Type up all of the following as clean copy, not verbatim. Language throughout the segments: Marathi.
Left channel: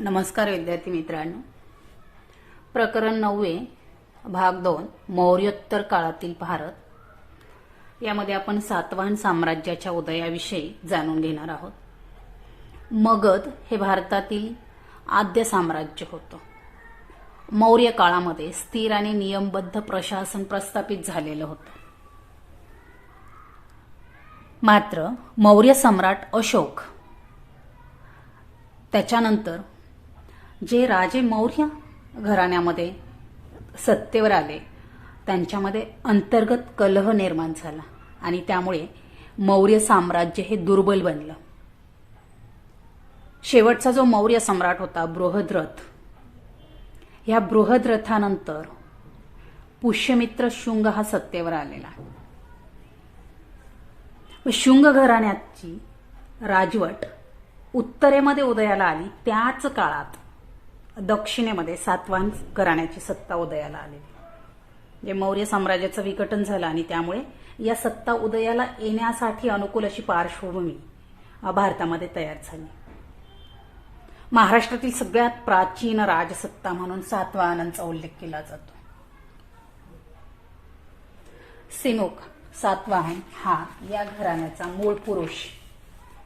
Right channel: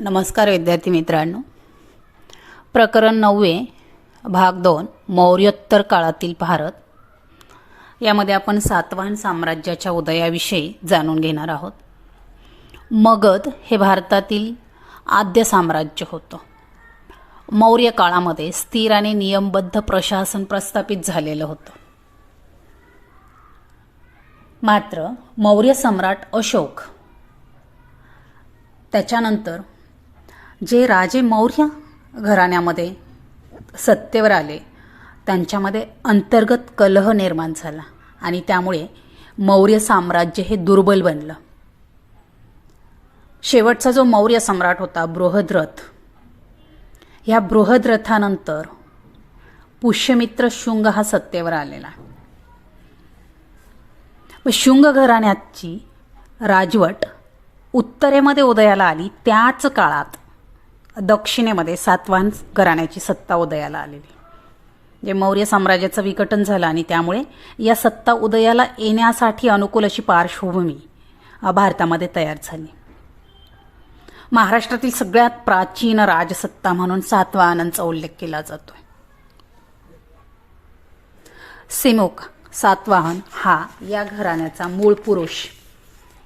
नमस्कार विद्यार्थी मित्रांनो, प्रकरण 9 भाग 2 मौर्योत्तर काळातील भारत यामध्ये आपण सातवाहन साम्राज्याच्या उदयाविषयी जाणून घेणार आहोत। मगध हे भारतातील आद्य साम्राज्य होतं। मौर्य काळामध्ये स्थिर आणि नियमबद्ध प्रशासन प्रस्थापित झालेलं होतं। मात्र मौर्य सम्राट अशोक त्याच्यानंतर जे राजे मौर्य घराण्यामध्ये सत्तेवर आले त्यांच्यामध्ये अंतर्गत कलह निर्माण झाला आणि त्यामुळे मौर्य साम्राज्य हे दुर्बल बनलं। शेवटचा जो मौर्य सम्राट होता बृहद्रथ, या बृहद्रथानंतर पुष्यमित्र शुंग हा सत्तेवर आलेला। शुंग घराण्याची राजवट उत्तरेमध्ये उदयाला आली, त्याच काळात दक्षिणेमध्ये सातवाहन घराण्याची सत्ता उदयाला आलेली। जे मौर्य साम्राज्याचं विघटन झालं आणि त्यामुळे या सत्ता उदयाला येण्यासाठी अनुकूल अशी पार्श्वभूमी भारतामध्ये तयार झाली। महाराष्ट्रातील सगळ्यात प्राचीन राजसत्ता म्हणून सातवाहनांचा उल्लेख केला जातो। सिमुक सातवाहन हा या घराण्याचा मूळ पुरुष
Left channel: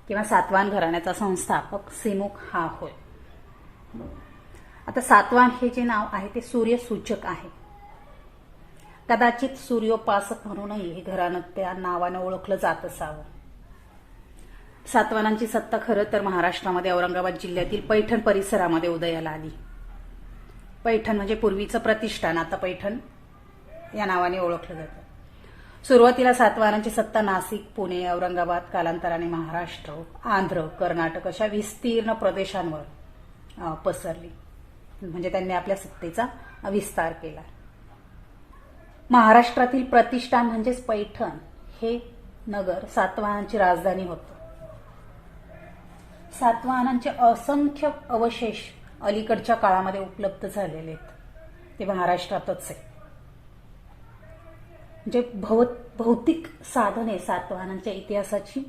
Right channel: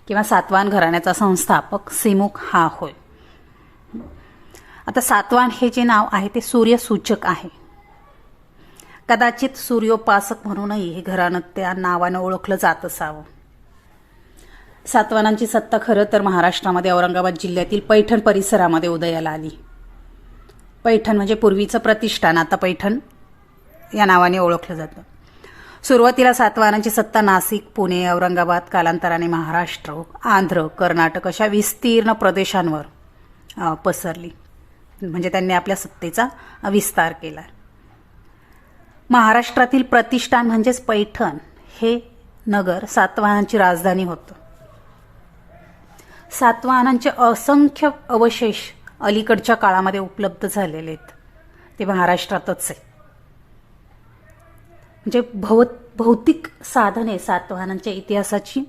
किंवा सातवाहन घराण्याचा संस्थापक सिमुक हा होय। आता सातवाहन हे जे नाव आहे ते सूर्यसूचक आहे। कदाचित सूर्योपासक म्हणूनही हे घराणं त्या नावानं ओळखलं जात असावं। सातवाहनांची सत्ता खरं तर महाराष्ट्रामध्ये औरंगाबाद जिल्ह्यातील पैठण परिसरामध्ये उदयाला आली। पैठण म्हणजे पूर्वीचं प्रतिष्ठान, आता पैठण या नावाने ओळखलं जातं। सुरुवातीला सातवाहनांची सत्ता नाशिक, पुणे, औरंगाबाद, कालांतराने महाराष्ट्र, आंध्र, कर्नाटक अशा विस्तीर्ण प्रदेशांवर पसरली। म्हणजे त्यांनी आपल्या सत्तेचा विस्तार केला। महाराष्ट्रातील प्रतिष्ठान म्हणजेच पैठण हे नगर सातवाहनांची राजधानी होतं। सातवाहनांचे असंख्य अवशेष अलीकडच्या काळामध्ये उपलब्ध झालेले आहेत, ते महाराष्ट्रातच आहे। म्हणजे भौतिक साधने सातवाहनांच्या इतिहासाची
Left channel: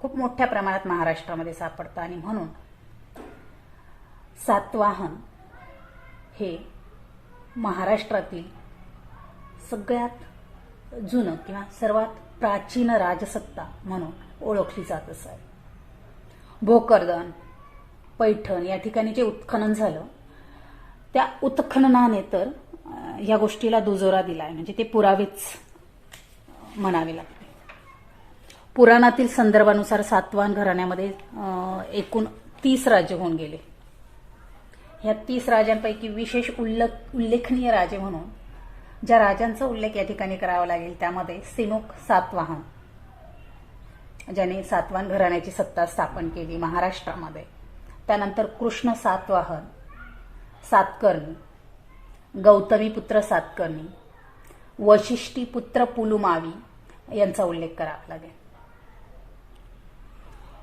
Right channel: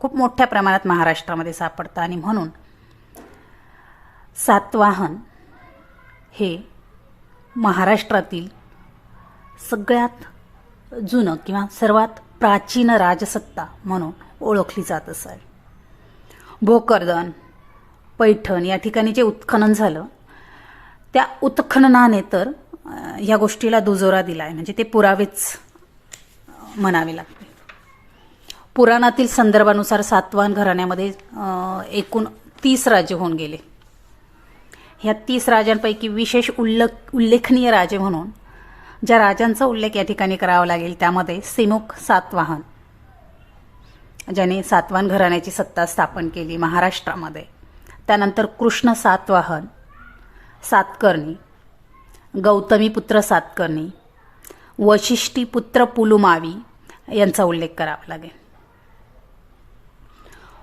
खूप मोठ्या प्रमाणात महाराष्ट्रामध्ये सापडतात आणि म्हणून सातवाहन हे महाराष्ट्रातील सगळ्यात जुनं किंवा सर्वात प्राचीन राजसत्ता म्हणून ओळखली जात असावी। भोकरदन, पैठण या ठिकाणी जे उत्खनन झालं त्या उत्खननाने तर या गोष्टीला दुजोरा दिलाय, म्हणजे ते पुरावेच म्हणावे लागते। पुराणातील संदर्भानुसार सातवाहन घराण्यामध्ये एकूण 30 राजे होऊन गेले। ह्या 30 राजांपैकी विशेष उल्लेखनीय राजे म्हणून ज्या राजांचा उल्लेख या ठिकाणी करावा लागेल त्यामध्ये सिमुक सातवाहन, ज्याने सातवाहन घराण्याची सत्ता स्थापन केली महाराष्ट्रामध्ये। त्यानंतर कृष्ण सातवाहन, सातकर्णी, गौतमीपुत्र सातकर्णी, वशिष्ठीपुत्र पुलुमावी यांचा उल्लेख करावा लागेल।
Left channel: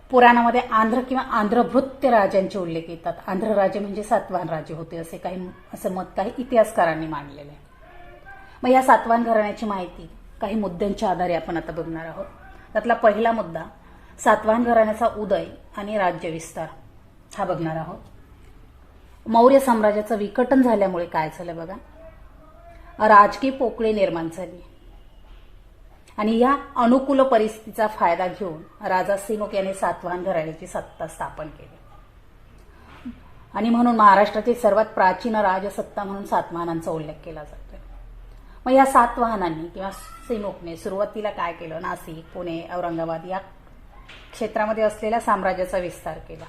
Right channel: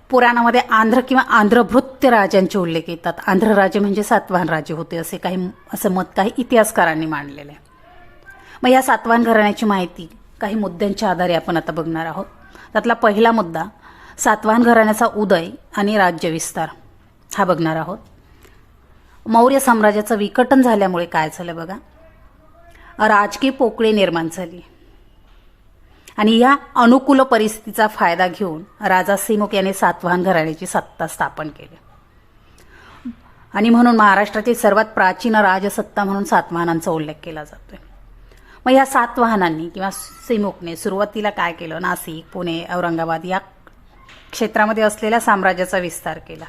पुराणामध्ये आंध्र किंवा आंध्रभृत्य राजांचे उल्लेख येतात। आंध्र राजे म्हणजे सातवाहन राजे होते असं मत काही इतिहासकारांनी मांडलेलं आहे। मग या सातवाहन घराण्याची माहिती काही मुद्द्यांच्या आधारे आपण आता बघणार आहोत। त्यातला पहिला मुद्दा सातवाहन घराण्याचा उदय आणि राज्यविस्तार हा बघणार आहोत। मौर्य साम्राज्याचं विघटन झाल्यामुळे काय झालं बघा, राजकीय पोकळी निर्माण झाली आणि या अनुकूल परिस्थितीचा फायदा घेऊन राजा सिमुक याने सातवाहन घराण्याची सत्ता स्थापन केली आणि म्हणून महाराष्ट्रातील सर्वात प्राचीन राजसत्ता म्हणून सातवाहनांचा उल्लेख केला जातोय। मग या सातवाहनांनी किंवा सिमुकने सुरुवातीला काय केलं, नाशिक, पुणे, औरंगाबाद या क्षेत्रामध्ये असलेल्या साम्राज्याचा विस्तार केला।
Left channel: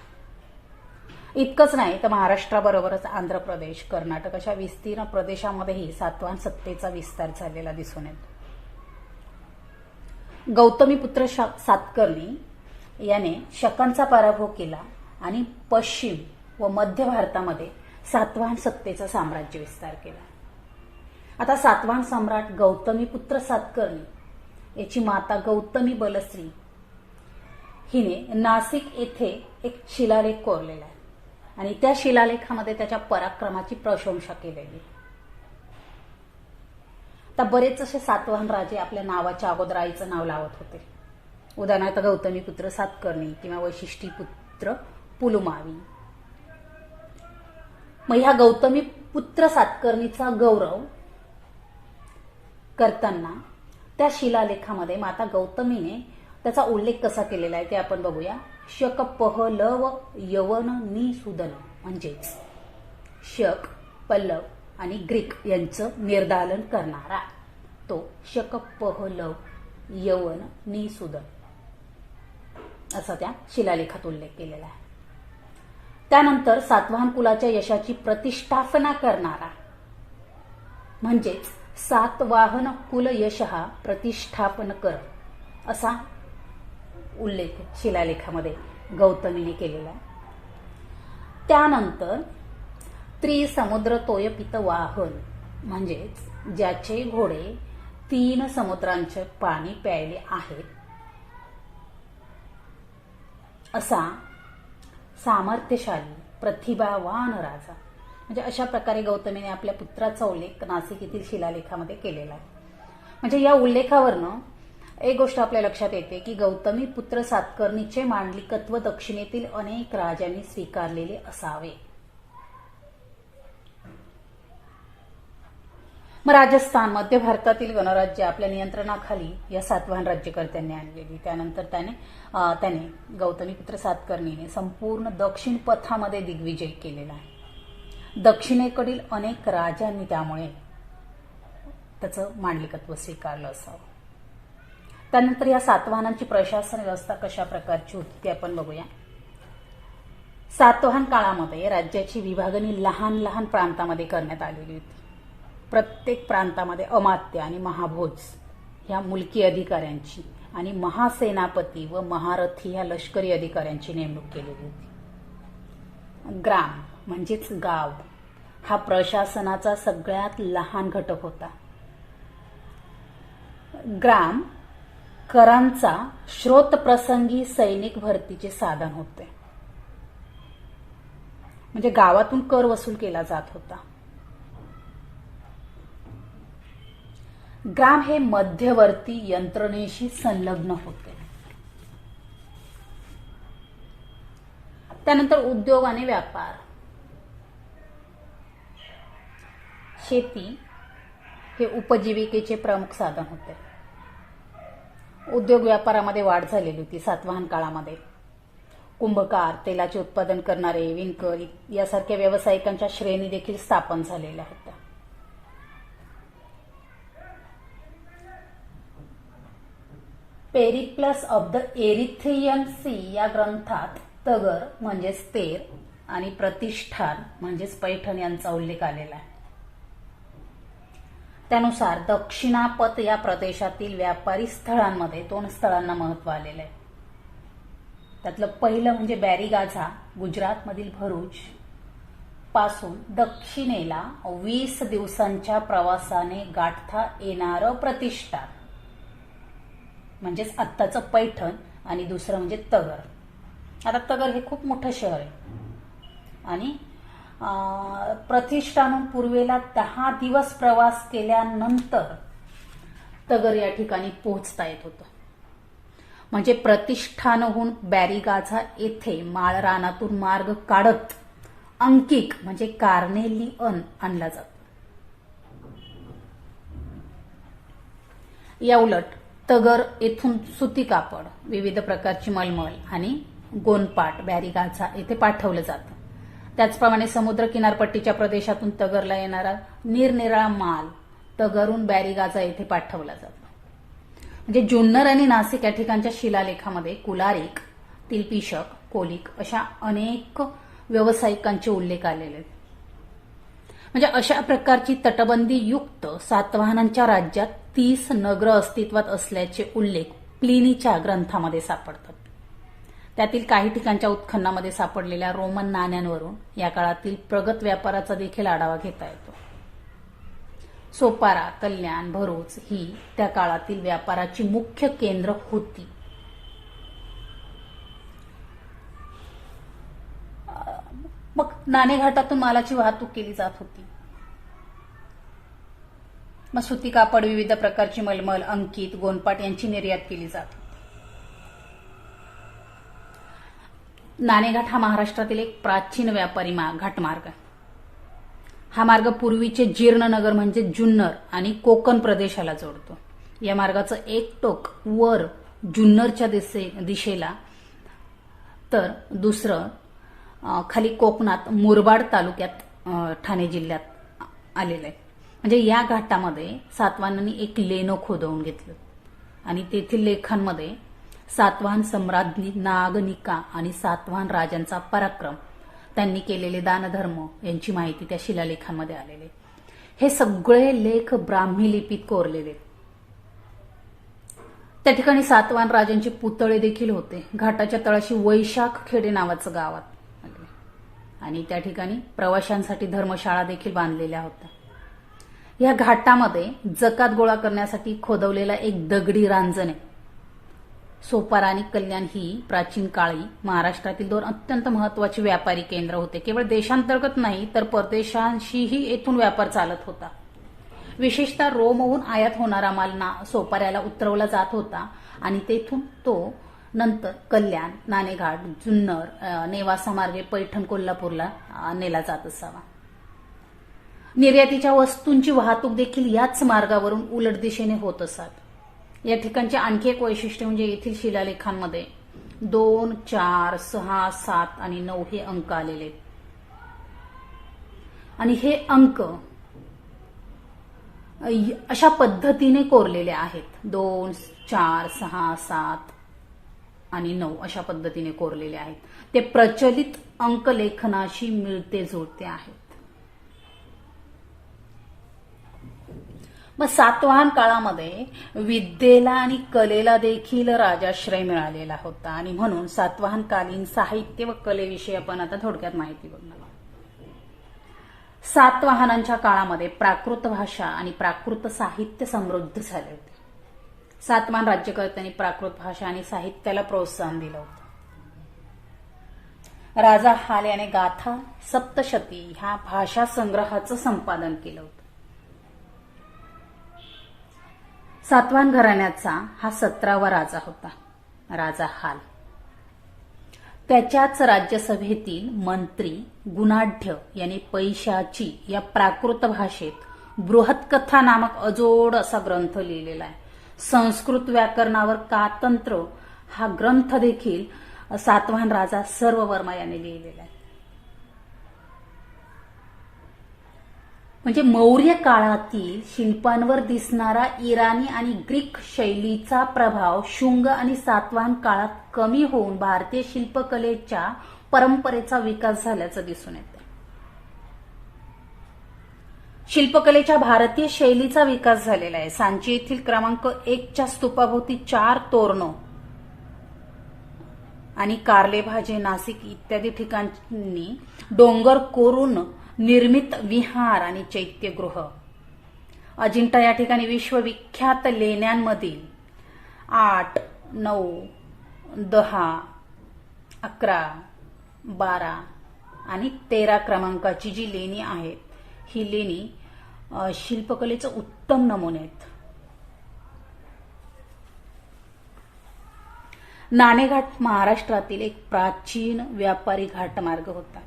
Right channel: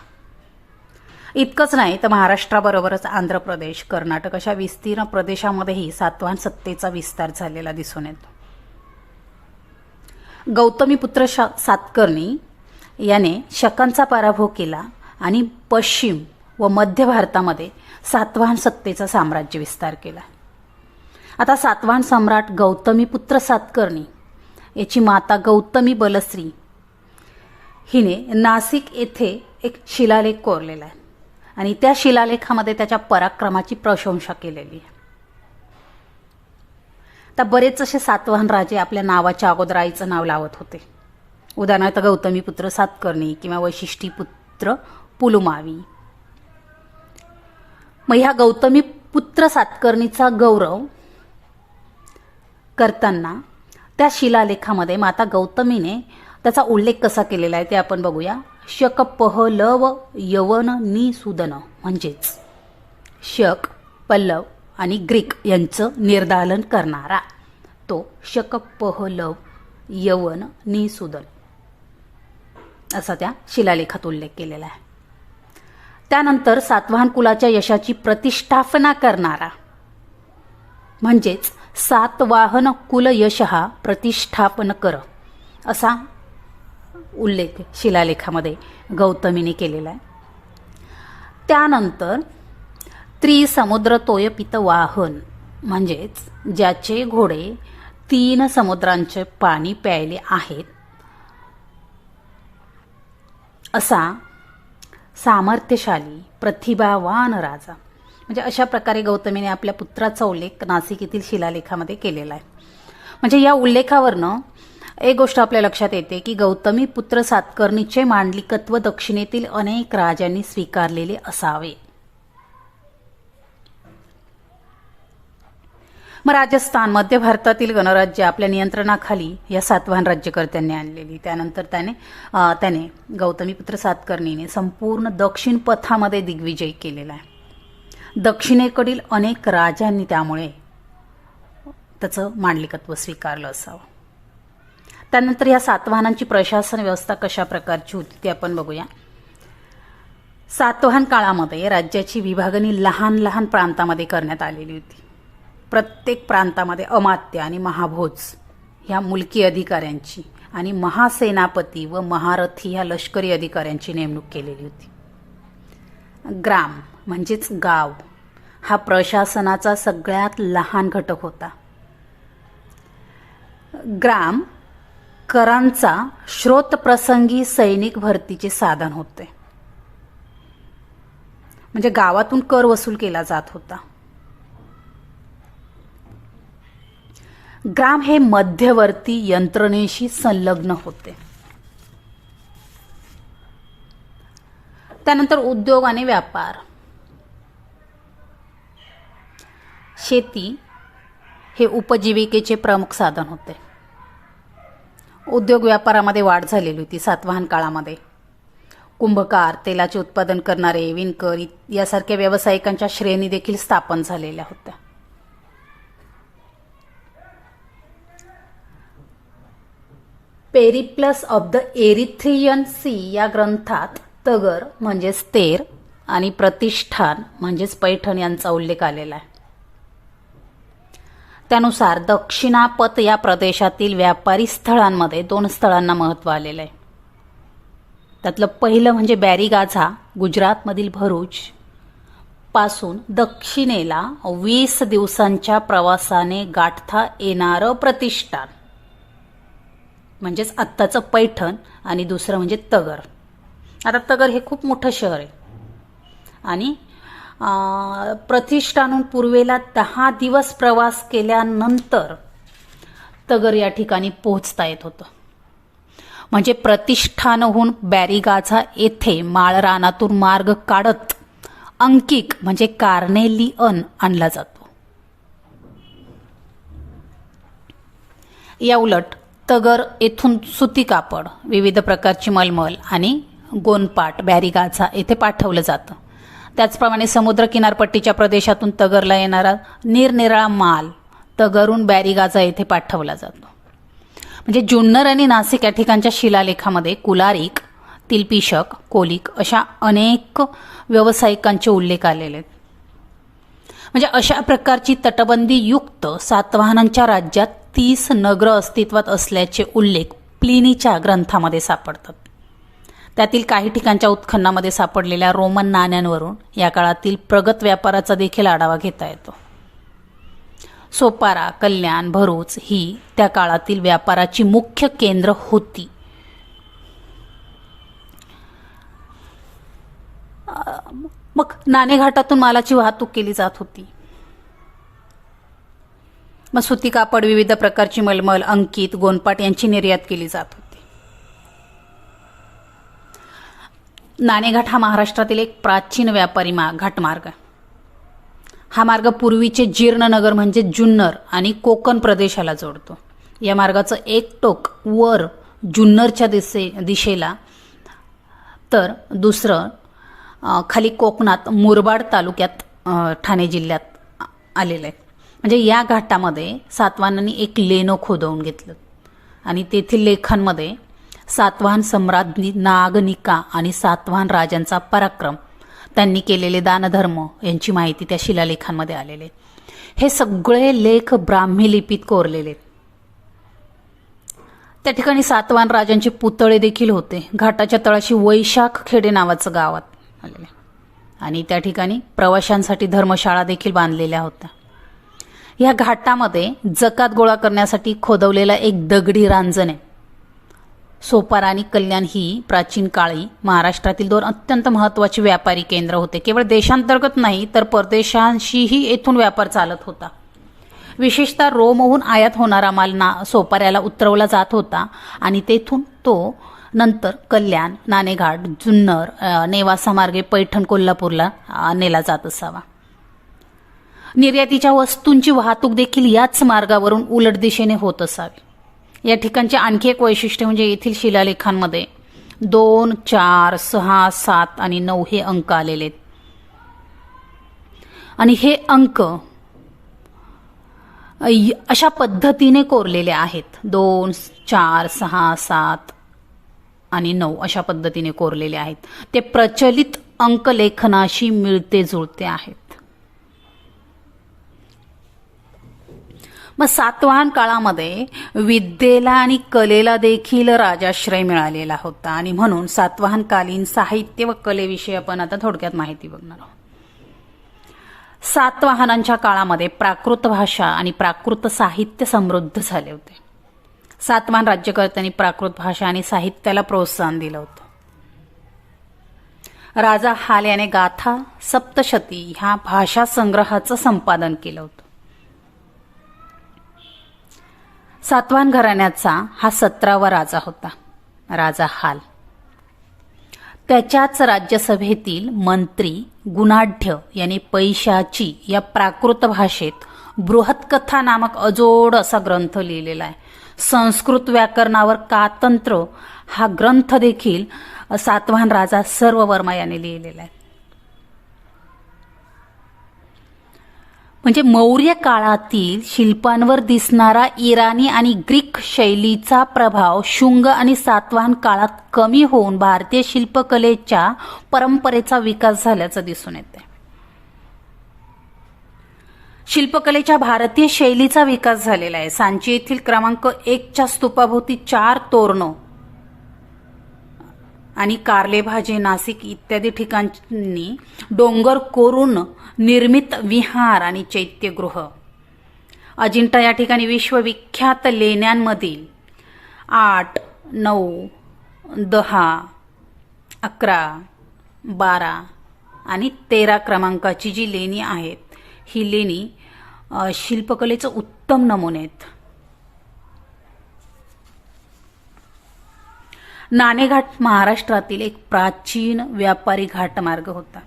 इतकंच नाही तर महाराष्ट्राबरोबरच आंध्र प्रदेश, कर्नाटक अशा विस्तीर्ण प्रदेशामध्येही सातवाहन सत्तेचा विस्तार झालेला दिसून येतो। गौतमीपुत्र सातकर्णी याने शकांचा पराभव केला आणि पश्चिम व मध्य भारतामध्ये सातवाहन सत्तेचा साम्राज्य विस्तार केला। आता सातवाहन सम्राट गौतमीपुत्र सातकर्णी याची माता गौतमी बलश्री हिने नाशिक येथे एक शिलालेख कोरलेला आहे आणि त्या शिलालेखामध्ये त्याच्या पराक्रमाची प्रशंसा केलेली आहे। तर बरेच असे सातवाहन राजे आपल्या नावाच्या अगोदर आईचं नाव लावत होते। उदाहरणार्थ गौतमीपुत्र सातकर्णी किंवा वशिष्ठीपुत्र पुलुमावी मग ह्या गौतमी पुत्र सातकर्णीचा गौरव करताना त्या शिलालेखामध्ये माता गौतमीने त्याचा उल्लेख कसा केलेला आहे ते आपण बघूया. शक पहलव यवन निसूदन म्हणजेच शक, पल्लव आणि ग्रीक यांचं निर्दालन करणारा तो शक पहलव यवन निसूदन असा त्या शिलालेखात उल्लेख केलेला आहे. त्यानंतर सातवाहन कुलाच्या यशाची प्रतिष्ठापना करणारा म्हणजेच सातवाहन कुल यशः प्रतिष्ठापन कर असा उल्लेख शिलालेखामध्ये गौतमीने केलेला आहे. त्यानंतर त्रिसमुद्र तोयपित वाहन म्हणजेच ज्याचे घोडे 3 समुद्रांचे पाणी प्यायले आहेत असा सामर्थ्यशाली प्रतिभावान राजा, म्हणजे अशा प्रकारे गौतमीने आपल्या पुत्राचा उल्लेख नाशिक येथील शिलालेखामध्ये केलेला आहे. म्हणजे या उल्लेखावरनं एक गोष्ट आपल्या लक्षात येते की गौतमी पुत्र सातकर्णीचे मांडलिकत्व दक्षिणेतील अनेक राजांनी स्वीकारलेले असावे. मग राजस्थान, मध्य भारतातील गणराज्य आपल्या नियंत्रणाखाली या सातवाहन राज्यकर्त्यांनी आणलेली. त्यानंतर त्याने गौतमीपुत्र सातकर्णीने संपूर्ण दक्षिण पथामध्ये दिग्विजय केलेला आहे. दक्षिणेकडील अनेक राजांनी त्यामुळे त्याचं मांडलिकत्व स्वीकारलं असावं. त्यानंतर या सातवाहनांची प्रशासन व्यवस्था कशा प्रकारची होती ते आपण बघूया. सातवाहन काळामध्ये राज्याची विभागणी लहान लहान प्रांतामध्ये करण्यात आलेली होती. प्रत्येक प्रांतामध्ये अमात्य आणि महाभोज ह्या मुलकी अधिकाऱ्यांची आणि महासेनापती व महारथी ह्या लष्करी अधिकाऱ्यांची नेमणूक केलेली होती. ग्राम म्हणजेच गाव हा प्रशासनाचा सगळ्यात लहान घटक होता. ग्राम करांचा श्रोतप्रसंगी सैनिक भरतीचे साधन होते. म्हणजे गावातून कर वसूल केला जात होता. ग्राम हे मध्यवर्ती यंत्रणेशी संलग्न होते. त्यानंतर उद्योग आणि व्यापार. शेती हे उपजीविकेचे प्रमुख साधन होते. उद्योग व्यापारामध्ये वाढ झालेली होती सातवाहन काळामध्ये. कुंभकार, तेलाचे उत्पादन करणारे, विणकर यासारख्या व्यावसायिकांच्या श्रेणी देखील स्थापन झालेल्या होत्या. Periplus of the Erythraean Sea या ग्रंथात तगर म्हणजेच तेर आणि प्रतिष्ठान म्हणजेच पैठण यांचा उल्लेख आलेला आहे. त्यानुसार दक्षिणापथ या प्रदेशातील व्यापारी स्थळांमध्ये 2 स्थळांना महत्त्व आलेलं आहे. त्यातलं पहिलं म्हणजे बॅरीगाझा, गुजरातमधील भरूच पासून दक्षिणेला 20 दिवसांच्या प्रवासाने गाठता येणारं प्रतिष्ठान म्हणजेच आत्ताचं पैठण, आणि दुसरं म्हणजे तगर. आता तगर हे खूप मोठं शहर आहे आणि प्रतिष्ठानहून पूर्वेला 10 दिवस प्रवास केल्यानंतर तगर या ठिकाणी पोहोचता येत होतं. म्हणजे प्रतिष्ठानहून बॅरीगाझा येथे माळरानातून मार्ग काढत अंकिक म्हणजे कार्नेलियन आणला जातो. या उलट तगर येथून सुती कापड, विविध प्रकारची मलमल आणि गोनपाट बॅरीगाझा येथे पाठवलं जातं. त्याचप्रमाणे समुद्र किनारपट्टीच्या प्रदेशातून तगरला येणारा निरनिराळा माल तगरहून बॅरीगाझा येथे पाठवला जातो. म्हणजे जुन्नर आणि नाशिक या ठिकाणच्या शिलालेखामध्ये कुलारिक, तिलपिशक, कोलिक अशा अनेक व्यावसायिकांचे उल्लेख आलेले आहेत. म्हणजे अशा प्रकारची तटबंदी युक्त सातवाहनांच्या राज्यात 30 नगर अस्तित्वात असल्याचे उल्लेख प्लिनीच्या ग्रंथामध्ये सापडतात. त्यातील काही ठिकाणच्या उत्खननामध्ये सापडलेल्या रोमन नाण्यांवरून या काळातील प्रगत व्यापाराचा देखील आढावा घेता येतो. सोपारा, कल्याण, भरूच ही त्या काळातील व्यापाराची मुख्य केंद्र होती. मग नाणेघाटातून मालाची वाहतूक केली जात होती. मग सुती कापड, विविध प्रकारची मलमल, अंकित, गोनपाट यांची निर्यात केली जात होती. नाणेघाट हा महाराष्ट्रातील एक प्राचीन व्यापारी घाटमार्ग. हा मार्ग पूर्वीचे जीर्णनगर म्हणजे जुन्नर आणि कोकण प्रदेशाला जोडतो. या मार्गाचं एक टोक वर जुन्नरच्या दिशेला तर दुसरं खाली कोकणात मुरबाड तालुक्यात ठाणे जिल्ह्यात आलेलं आहे. म्हणजे या घाटामध्ये सातवाहनांनी एक लेणं खोदवून घेतलं आणि तेथील लेखांमध्ये सातवाहन सम्राट नागनिका आणि सातवाहन राजांचा पराक्रम, त्यांनी केलेले दानधर्म यांची माहिती त्या शिलालेखांमध्ये आलेले. हे सगळे लेख ब्राह्मी लिपीत कोरलेले. त्या ठिकाणी सातवाहन राजांचे पुतळे देखील होते. घाटाच्या तळाशी वैशाख खेडे नावाचं गावात आलेले आणि त्या ठिकाणी प्रवाशांसाठी धर्मशाळा देखील बांधलेल्या होत्या. या घाटामध्ये जकात गोळा करण्यासाठी खोदवलेला एक दगडी रांजण आहे. सोपारा आणि कल्याण ही प्राचीन काळी महाराष्ट्रातील दोन अत्यंत महत्त्वाची व्यापारी केंद्र होते. केवळ देशांतर्गत नाही तर परदेशांशीही येथून व्यापार चालत होता. विशेषतः रोमहून आयात होणारा माल सोपाऱ्याला उतरवला जात होता आणि तेथून तो नंतर कल्याण, नाणेघाट, जुन्नर, नेवासा मार्गे पैठण, कोल्हापूरला नेला जात असावा. निर्यातीच्या वस्तूंची वाहतूक देखील याच मार्गावरून उलट दिशेने होत असावी. या ठिकाणचे आणखी एक वैशिष्ट्य म्हणजे येथील शिलालेखांमध्ये 2, 4, 6, 7 आणि 9 हे अंक आलेले आहेत आणि हे अंक अशा पद्धतीने कोरलेले आहेत. 2, 4, 6, 7 आणि 9 अशा पद्धतीने कोरलेले आहेत. ते प्रचलित अंकलेखनाशी मिळते जुळते आहेत. मग सातवाहन काळामध्ये विद्येला आणि कलेला देखील राजाश्रय मिळालेला होता आणि म्हणून सातवाहनकालीन साहित्य व कलेविषयी आपण आता थोडक्यात माहिती बघणार आहोत. सातवाहनांच्या काळामध्ये प्राकृत भाषा आणि प्राकृत साहित्य समृद्ध झाले होते. सातवाहन राज्यकर्त्यांनी प्राकृत भाषा आणि साहित्याला प्रोत्साहन दिलं होतं. राजा हाल याने गाथा सप्तशती ह्या भाषा संग्रहाचं संपादन केलं होतं. सातवाहन घराण्याचा हा 17वा राजा होता, राजा हाल. त्याच्याच राज्यसभेतील मंत्री गुणाढ्य यांनी पैशाची या प्राकृत भाषेत बृहत्कथा नामक अजोड असा ग्रंथ लिहिलेला आहे. संस्कृत व्याकरणावर कातंत्र हा ग्रंथ देखील सातवाहन राजा सर्ववर्मा याने लिहिलेला आहे. म्हणजे मौर्य काळातील शिल्पांवर दिसणारा इराणी आणि ग्रीक शैलीचा प्रभाव शुंग आणि सातवाहन काळात कमी होऊन भारतीय शिल्पकलेच्या परंपरेचा विकास झाल्याचं दिसून येते. शिल्पकलेच्या भारतीय शैलीचा विकास झालेला आहे. सांची येथील क्रमांक 1च्या स्तूपाभोवती 4 तोरणं आणि कारले भाजे, नाशिक इत्यादी ठिकाणी डोंगर कोरून निर्मित विहार आणि चैत्यगृह. अजिंठा या ठिकाणी विश्वविख्यात लेण्यांमधील 8, 9, 10, 11, 12 आणि 13 क्रमांकाची जी लेणी आहेत, ही लेणी शिल्पकलेचं उत्तम नमुने आहेत. नाणेघाट महाराष्ट्रातील एक प्राचीन व्यापारी घाटमार्ग होता.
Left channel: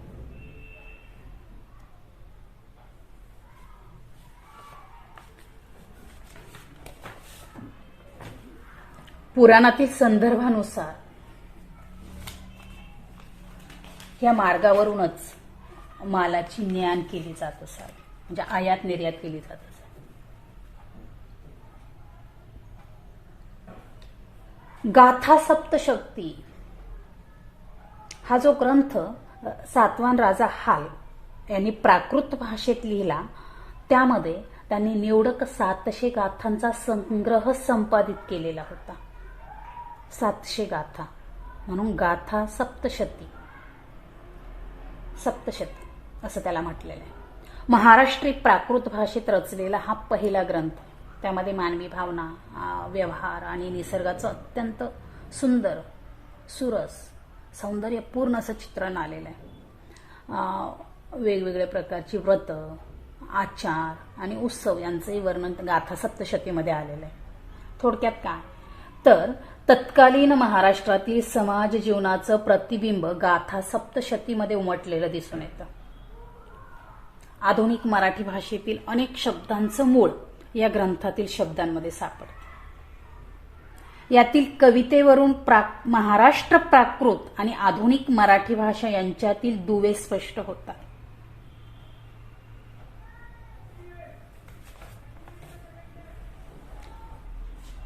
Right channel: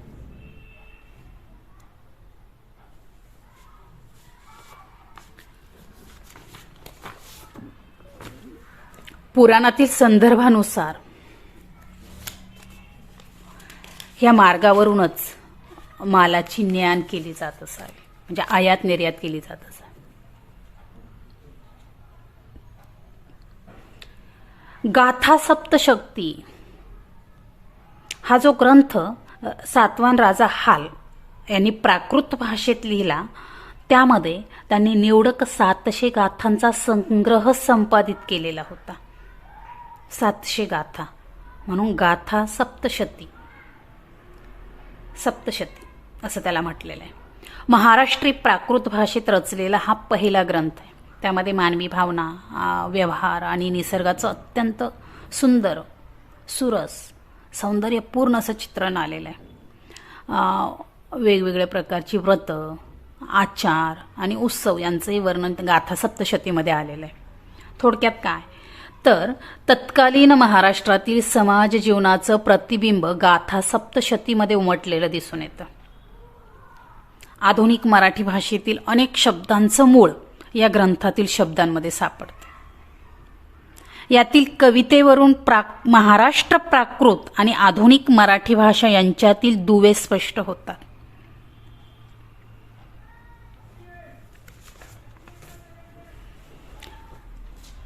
पुराणातील संदर्भानुसार या मार्गावरूनच मालाची ने-आण केली जात असावी, म्हणजे आयात निर्यात केली जात असावी. गाथा सप्तशती हा जो ग्रंथ सातवाहन राजा हाल यांनी प्राकृत भाषेत लिहिला, त्यामध्ये त्यांनी निवडक 700 गाथांचा संग्रह संपादित केलेला होता. 700 गाथा म्हणून गाथा सप्तशती असं त्याला म्हटलेलं आहे. महाराष्ट्री प्राकृत भाषेत रचलेला हा पहिला ग्रंथ आहे. त्यामध्ये मानवी भावना, व्यवहार आणि निसर्गाचं अत्यंत सुंदर, सुरस, सौंदर्यपूर्ण असं चित्रण आलेलं आहे. वेगवेगळ्या प्रकारची व्रत, आचार आणि उत्सव यांचंही वर्णन गाथा सप्तशतीमध्ये आलेलं आहे. थोडक्यात काय तर तत्कालीन महाराष्ट्रातील समाज जीवनाचं प्रतिबिंब गाथा सप्तशतीमध्ये उमटलेलं दिसून येतं. आधुनिक मराठी भाषेतील अनेक शब्दांचं मूळ या ग्रंथातील शब्दांमध्ये सापडते. यातील कवितेवरून महाराष्ट्र प्राकृत आणि आधुनिक मराठी भाषा यांच्यातील दुवे स्पष्ट होतात.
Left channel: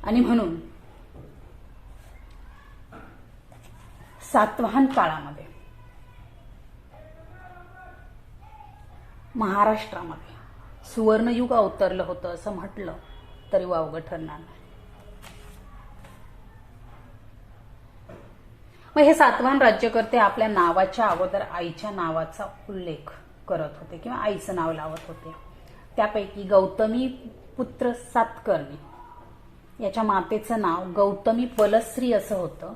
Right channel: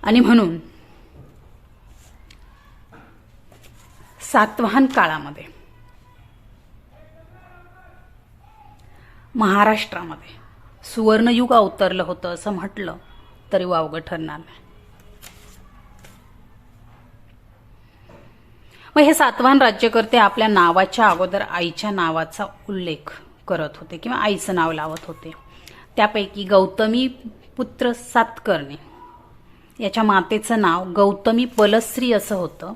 आणि म्हणून सातवाहन काळामध्ये महाराष्ट्रामध्ये सुवर्णयुग अवतरलं होतं असं म्हटलं तरी वावगं ठरणार नाही. मग हे सातवाहन राज्यकर्ते आपल्या नावाच्या अगोदर आईच्या नावाचा उल्लेख करत होते किंवा आईचं नाव लावत होते. त्यापैकी गौतमी पुत्र सातकर्णी याच्या मातेचं नाव गौतमी बलश्री असं होतं.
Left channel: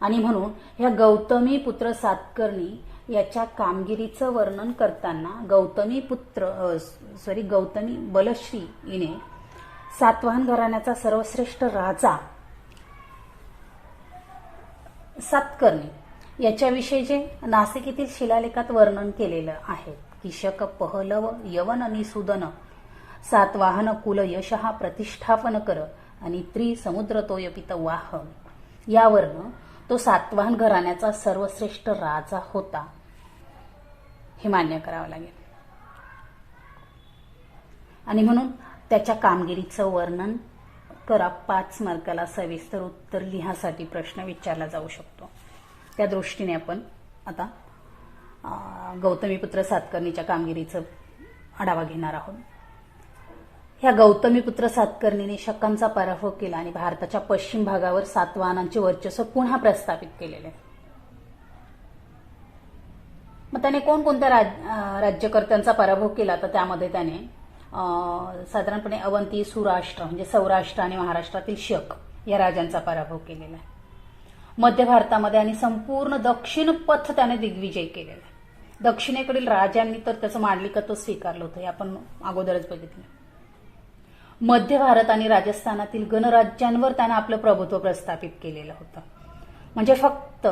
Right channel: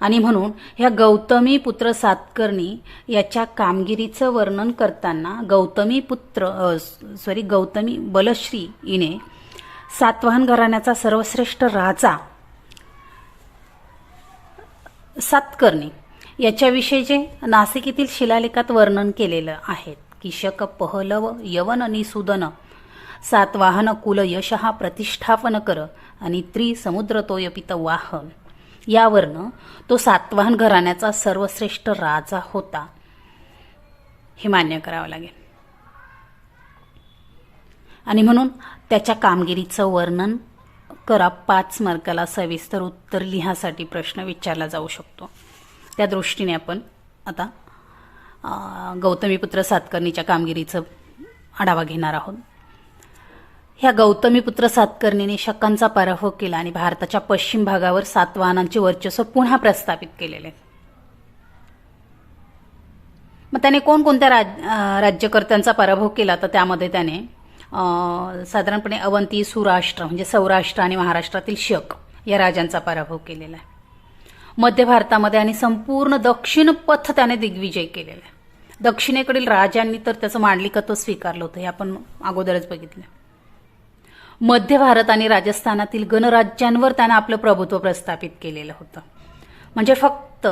आणि म्हणून ह्या गौतमी पुत्र सातकर्णी याच्या कामगिरीचं वर्णन करताना गौतमी बलश्री हिने सातवाहन घराण्याचा सर्वश्रेष्ठ राजा सातकर्णी याच्याविषयी जे नाशिक येथील शिलालेखात वर्णन केलेलं आहे की शक पहलव यवन निसूदन सातवाहन कुल यशहा प्रतिष्ठापन कर आणि त्रिसमुद्र तोय पितवाह यावरनं तो सातवाहन घराण्याचा सर्वश्रेष्ठ राजा होता हे मान्य करावं लागेल. आणि म्हणून त्याच्या कामगिरीचं वर्णन करा. 5 मार्काला सविस्तर उत्तर लिहासाठी प्रश्न विचारला जाऊ शकतो. त्या दृष्टीने आपण आता गौतमीपुत्र सातकर्णीच्या कामगिरीचं आढावा घेणार आहोत. ह्या गौतमीपुत्र सातकर्णीने शकांचा पराभव केला आणि भारताच्या पश्चिम भागावर सातवाहनांचे वर्चस्व पुन्हा प्रस्थापित केलेले. मग त्याने कोणकोणत्या राज्यकर्त्यांचा पराभव केला तर त्यामध्ये त्याने साधारणपणे अवंती, सुराष्ट्र म्हणजे सौराष्ट्र आणि महाराष्ट्रातील शक या राजांचा पराभव केलेला आहे. मध्य भारतामध्ये आणि संपूर्ण दक्षिण पथ त्याने दिग्विजय केलेला आहे. दक्षिणेकडील राजांनी तर त्याचं मांडलिकत्व स्वीकारलं होतं हे आपण अगोदरच बघितलं. मध्य भारत आणि राजस्थानातील गणराज्यांवर त्याने आपलं प्रभुत्व प्रस्थापित केलेलं होतं. म्हणजे फक्त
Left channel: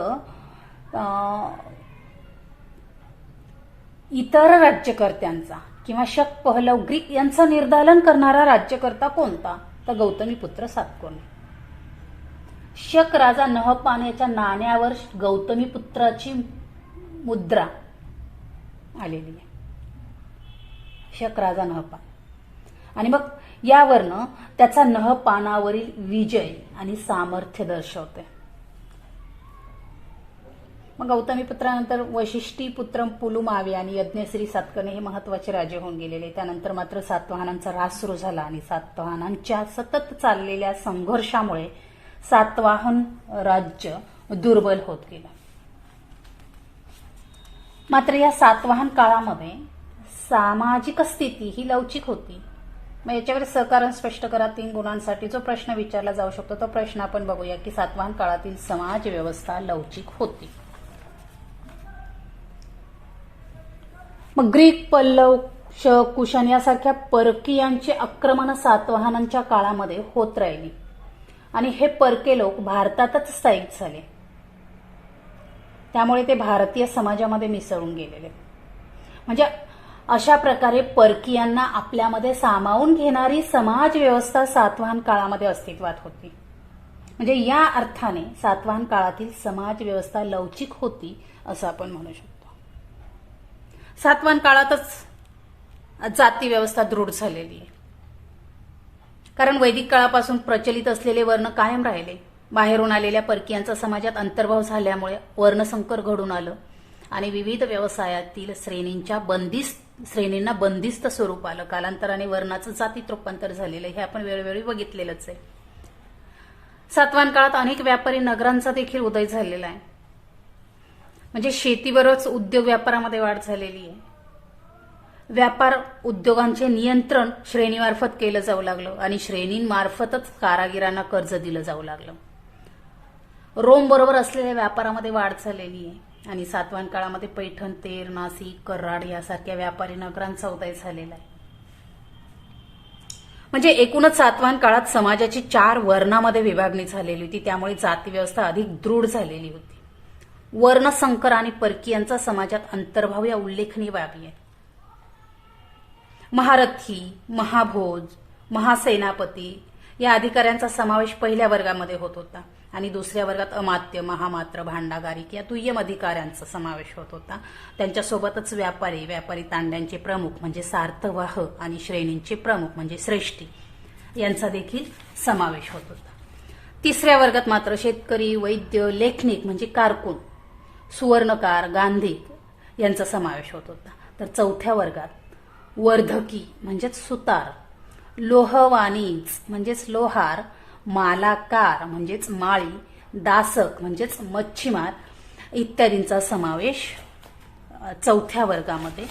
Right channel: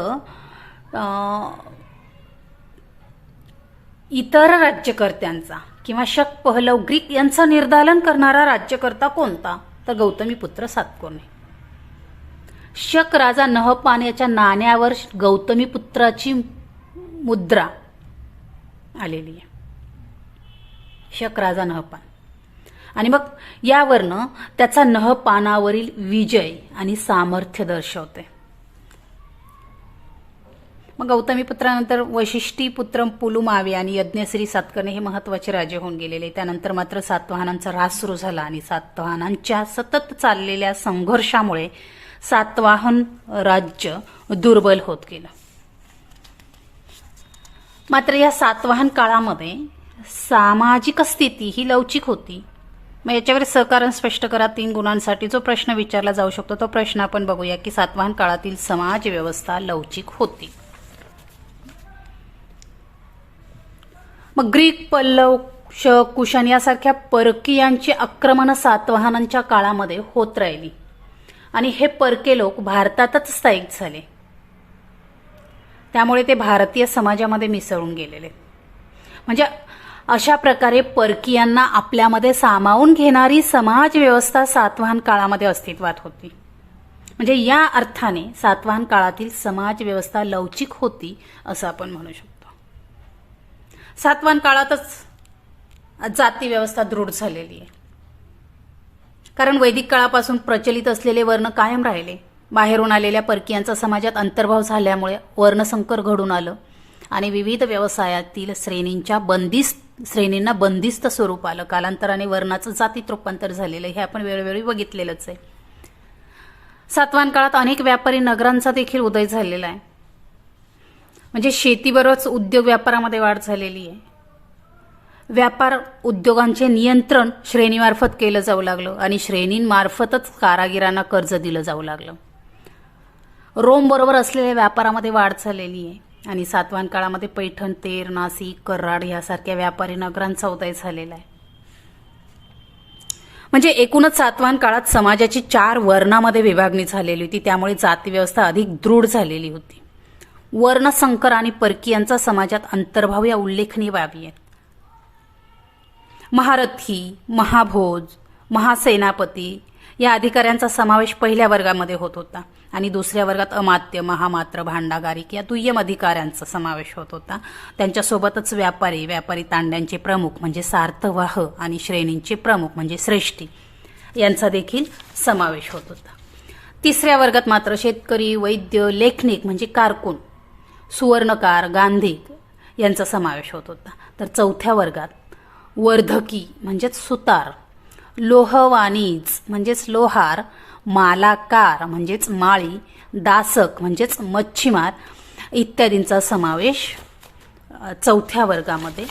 इतर राज्यकर्त्यांचा किंवा शक पहलव ग्रीक यांचं निर्दालन करणारा राज्यकर्ता कोणता तर गौतमीपुत्र सातकर्णी. शक राजा नहपान याच्या नाण्यावर गौतमीपुत्राची मुद्रा आलेली आहे. शक राजा नहपान आणि मग यावरनं त्याचा नहपानावरील विजय आणि सामर्थ्य दर्शवते. मग गौतमीपुत्रानंतर वशिष्ठीपुत्र पुलुमावी आणि यज्ञश्री सातकर्णी हे महत्वाचे राजे होऊन गेलेले. त्यानंतर मात्र सातवाहनांचा ऱ्हास सुरू झाला आणि सातवाहनांच्या सतत चाललेल्या संघर्षामुळे सातवाहन राज्य दुर्बल होत गेलं. मात्र या सातवाहन काळामध्ये सामाजिक स्थिती ही लवचिक होती. मग याच्यावर सहकारण स्पष्ट करा 3 गुणांसाठी जो प्रश्न विचारला जाऊ शकतो तो प्रश्न आपण बघूया की सातवाहन काळातील समाज व्यवस्था लवचिक होती. मग ग्रीक, पल्लव, शक, कुशाण यासारख्या परकीयांची आक्रमण सातवाहनांच्या काळामध्ये होत राहिली आणि हे परके लोक भारतातच स्थायिक झाले. त्यामुळे ते भारतीय समाजामध्ये मिसळून गेलेले. म्हणजे अशा प्रकारे परकीयांना आपल्यामध्ये सामावून घेणारी समाज व्यवस्था सातवाहन काळामध्ये अस्तित्वात होती. म्हणजे या अर्थाने सातवाहन काळातील समाज व्यवस्था लवचिक होती असं आपण म्हणू शकतो. सातवाहन काळातच जाती व्यवस्था दृढ झालेली आहे. कारण वैदिक काळापासून प्रचलित असलेले वर्ण कायम राहिले. बाहेरून आलेल्या परकीयांचा समाजात अंतर्भाव झाल्यामुळे वर्णसंकर घडून आलं आणि विविध व्यवसायातील श्रेणींना बंदिस्त स्वरूप आलं. कालांतराने वर्णाचं जातीत रूपांतर झालेलं हे आपण वेळोवेळी बघितलेलंच आहे. सातवाहन काळात अनेक व्यापारी नगरांचा देखील उदय झालेला आहे. म्हणजे शेतीबरोबरच उद्योग व्यापारामध्ये वाढ झालेली आहे. व्यापार उद्योगांचे नियंत्रण श्रेणीमार्फत केलं जाऊ लागलं आणि श्रेणींमार्फतच कारागिरांना कर्ज दिलं जाऊ लागलं. रोम बरोबर असलेल्या व्यापारामध्ये वाढ झालेली आहे आणि सातवाहन काळामध्ये पैठण, तेर, नाशिक, कराड यासारख्या व्यापारी नगरांचा उदय झालेला आहे. म्हणजे एकूणच सातवाहन काळात समाजाची 4 वर्णामध्ये विभागणी झालेली होती. त्यामुळे जाती व्यवस्था अधिक दृढ झालेली होती. वर्णसंकर आणि परकीयांचा समाजात अंतर्भाव या उल्लेखनीय बाबी आहेत. महारथी, महाभोज, महासेनापती या अधिकाऱ्यांचा समावेश पहिल्या वर्गामध्ये होत होता आणि दुसऱ्या वर्गात अमात्य, महामात्र, भांडागारिक या दुय्यम अधिकाऱ्यांचा समावेश होत होता. त्यांच्यासोबतच व्यापारी तांड्यांचे प्रमुख म्हणजे सार्थवाह आणि श्रेणींचे प्रमुख म्हणजे श्रेष्ठी यांचा देखील समावेश होत होता. तिसऱ्या वर्गात मात्र शेतकरी, वैद्य, लेखनिक म्हणजे कारकून, सुवर्णकार, गांधिक यांचा समावेश होत होता. तर चौथ्या वर्गात वर्धकी म्हणजेच सुतार, लोहवाणीज म्हणजेच लोहार, मालाकार म्हणजेच माळी, दासक म्हणजेच मच्छीमार इत्यादींचा समावेश चौथ्या वर्गामध्ये